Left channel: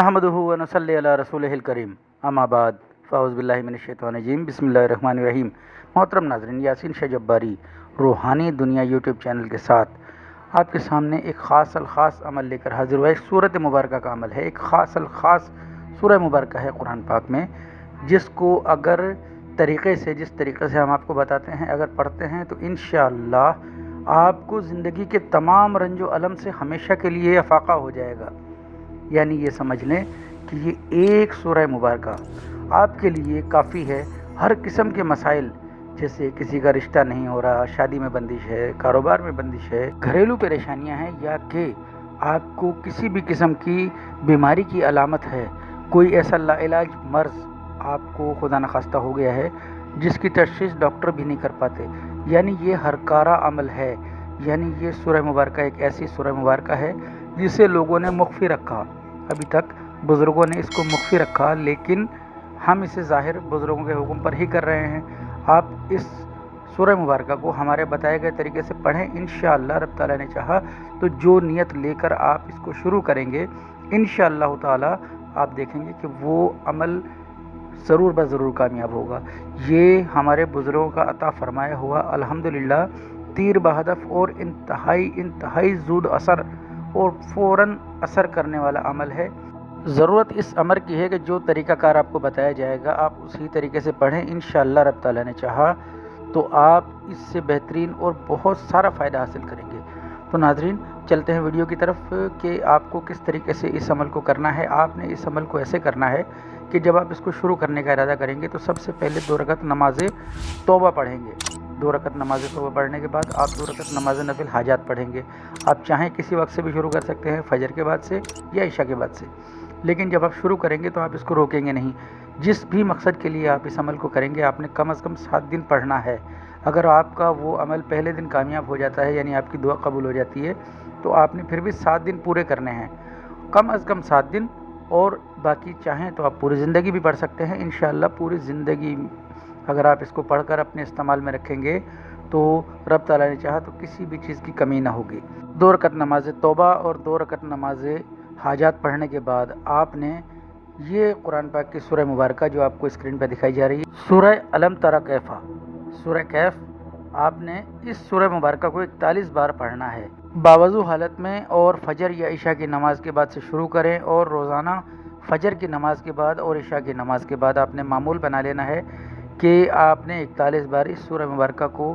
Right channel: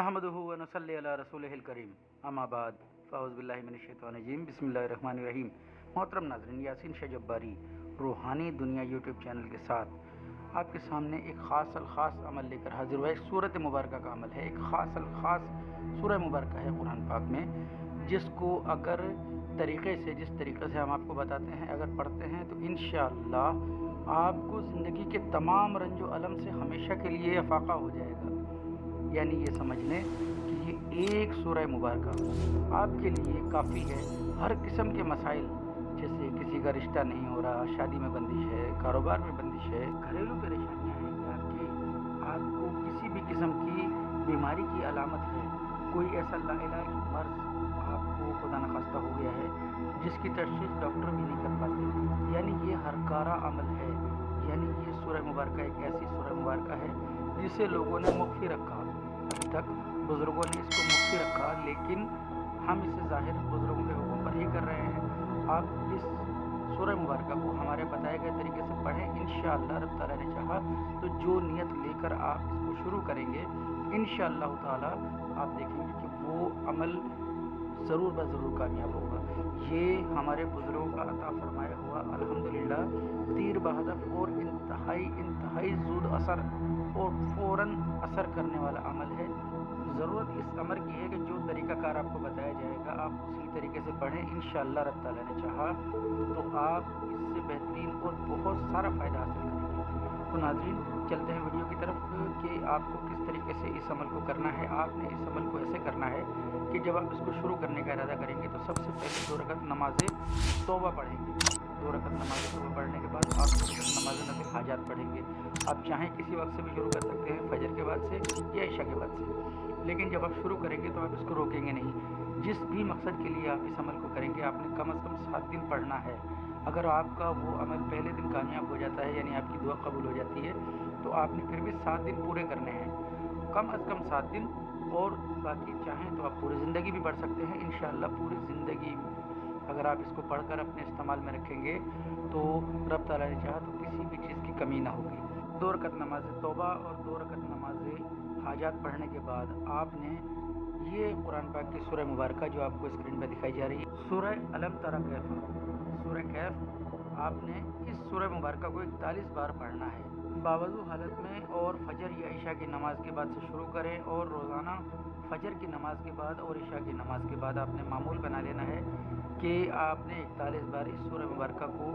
नहमदुहु व नसल्ली अला रसूलिहिल करीम अम्मा बाद फ़ाउज़ बिल्लाहि मिनश शैतानिर रजीम बिस्मिल्लाहिर रहमानिर रहीम। मोहतरम नाज़रीन, यासीन शाह जब्बारी रूहानी दुनिया यूट्यूब चैनल के साथ आपके सामने एक ख़ास अमल लेकर हाजिर हुआ। एक सूरत मुबारक का अमल है, एक ख़ास सूरह मुबारक है कुरान पाक में, जिसको अगर जिस तरीक़े से हम आपको बताते हैं, अगर पढ़ते हैं तो इंशाअल्लाह आपको ज़िंदगी के तमाम रंजो अलम से हमेशा के लिए अफाक़ा हो जाएगा। यानी ये समझ लें कि ये एक सूरह मुबारक आपके लिए काफ़ी है। हर किस्म के मसाइल, जैसे किसी का रिश्ता नहीं हो रहा, शादी में बंदिश है, कारोबार में बंदिश है, घरेलू परेशानियां हैं, या कि आपको किसी भी किस्म की बीमारी की अलामत है, कोई ऐसा लाइलाज मर्ज़ आपको खुदा न खास्ता हो गया है जिसकी तशख़ीस डॉक्टर भी नहीं कर पाते, यानी ये हरकारा अमल है। यानी ये सूरह मुबारक एक ऐसी सूरह मुबारक है जिसे लोगों ने मुख्फी रखा। अभी तक बुज़ुर्गों ने इसको मुख्फी रखा, लेकिन हम इसे ज़ाहिर बुज़ुर्गों के हुक्म पर ही कर रहे हैं। आप इस सूरह मुबारक को हमारे बताए गए तरीके से पढ़ें। इंशाअल्लाह रब ताला ने चाहा तो जो नियत लेकर आप इसको शुरू करेंगे, इंशाअल्लाह ताला आप देखेंगे कि वो अमल ज़रूर ज़रूर कामयाब होगा। ये हमारे बुज़ुर्गों का अता फरमाया हुआ अल्हम्दुलिल्लाह तीर बहदफ और इंतहाई ज़ूद असर और फ़ौरन असर करने वाला अमल है। ज़रूरत इस अमर की है कि जो तरीक़ाकार आपको बताया जाएगा आप उसी तरीके से पढ़ें। इंशाअल्लाह रब ताला ने चाहा तो आप इससे बेहतरीन और बहुत सारा फ़ायदा हासिल करेंगे। तो नाज़रीन, चलते हैं वीडियो की तरफ कि आपको किस तरीके से इस अमल को करना है। आपने इस अमल को ऐसे करना है कि जब आप इसको शुरू करने का इरादा करेंगे तो सबसे पहले 2 रकअत नमाज़ तौबा पढ़ेंगे। 2 रकअत नमाज़ तौबा पढ़ने के बाद आप 2 रकअत नमाज़ नफिल हाजात पढ़ेंगे। आप चाहें किसी वक्त से भी शुरू कर सकते हैं, फजर के बाद से या इशा के बाद से, लेकिन जब आप शुरू करेंगे तो आप इसको रोकेंगे नहीं। जिस भी मकसद के लिए आप इस अमल को करेंगे, आपने कम से कम 7 दिन पढ़ना है। अगर आपका वो अमल पहले दिन कामयाब हो जाता है, यानी आपकी दुआ कबूल हो जाती है, तो आपने फिर भी 7 दिन पूरे करने हैं, कम से कम 7 दिन। और बाकी चाहें तो आप पूरी ज़िंदगी भी पढ़ सकते हैं। इंशाअल्लाह पूरी ज़िंदगी अगर आप इसको पढ़कर अपने इस्तेमाल में रखेंगे तो रब ताला ने चाहा तो किसी भी चीज़ की कमी ना होगी। 2 रकअत नमाज तौबा और 2 रकअत नमाज हाजात पढ़ने के बाद आपने ये कुरान पाक की सूरह मुबारक जो आपको स्क्रीन पर दिखाई जा रही है, सूरह अलम तरा कैफ़ा, सूरह कैफ़, आपने इस सूरह मुबारक को 41 बार पढ़ना है बावजू हालत में। और फजर या इशा की नमाज़ के बाद से शुरू करें, और रोज़ाना फजर की नमाज़ के बाद और इशा की नमाज़ के बाद आपने मामूल बना लेना है कि आपने 41 बार इस सूरह मुबारक को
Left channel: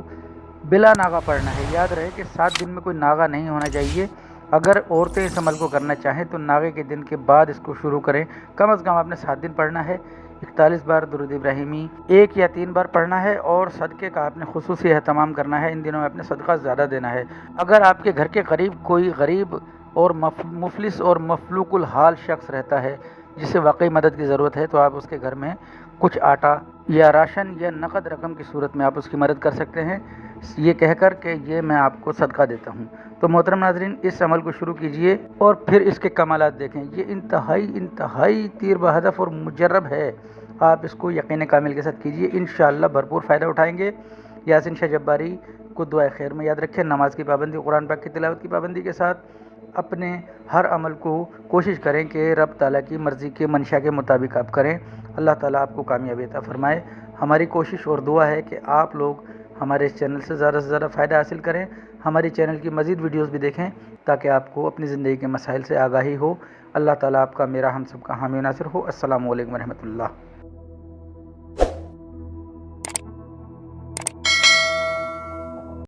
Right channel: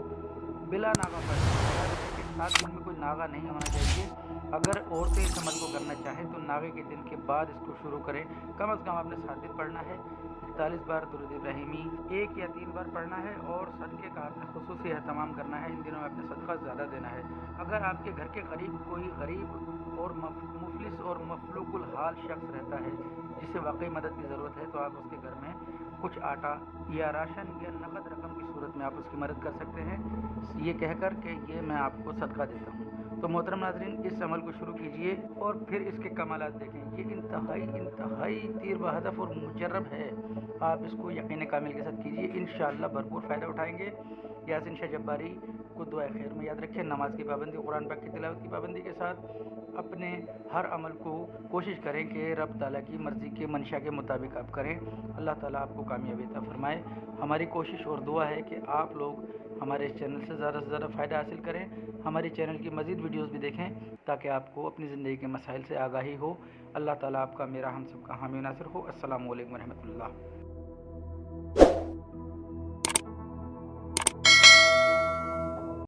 बिला नागा पढ़ना है। याद रहे कि 7 दिन में कोई नागा नहीं होना चाहिए। अगर औरतें इस अमल को करना चाहें तो नागे के दिन के बाद इसको शुरू करें। कम से कम आपने 7 दिन पढ़ना है। 41 बार दुरूद इब्राहिमी 1 या 3 बार पढ़ना है, और सदक़े का आपने खुसूसी एहतमाम करना है। इन दिनों में अपने सदका ज़्यादा देना है। अगर आपके घर के करीब कोई गरीब और मुफलिस और मफलूकुल हाल शख्स रहता है जिसे वाकई मदद की ज़रूरत है, तो आप उसके घर में कुछ आटा या राशन या नकद रकम की सूरत में आप उसकी मदद कर सकते हैं, ये कहकर कि ये मैं आपको सदका देता हूँ। तो मोहतरम नाज़रीन, इस अमल को शुरू कीजिए और फिर इसके कमालात देखें। ये इंतहाई तीर बहदफ और मुजर्रब है। आप इसको यकीन कामिल के साथ कीजिए, इंशाअल्लाह भरपूर फ़ायदा उठाएंगे। यासीन शाह जब्बारी को दुआ खैर में याद रखें। नमाज की पाबंदी, कुरान पाक की तिलावत की पाबंदी के साथ अपने हर अमल को कोशिश करें कि रब ताला की मर्ज़ी के मंशा के मुताबिक आप करें। अल्लाह ताला आपको कामयाबी अता फरमाए। हमारी कोशिश और दुआ है कि आप लोग हमारे इस चैनल से ज़्यादा फ़ायदा हासिल करें। हमारी चैनल की मज़ीद वीडियोस भी देखें ताकि आपको अपनी ज़िंदगी के मसाइल से आगाही हो। अल्लाह ताला आपका, मेरा, हम सब का हामी नासिर हो। अस्सलामु अलैकुम व रहमतुल्लाह।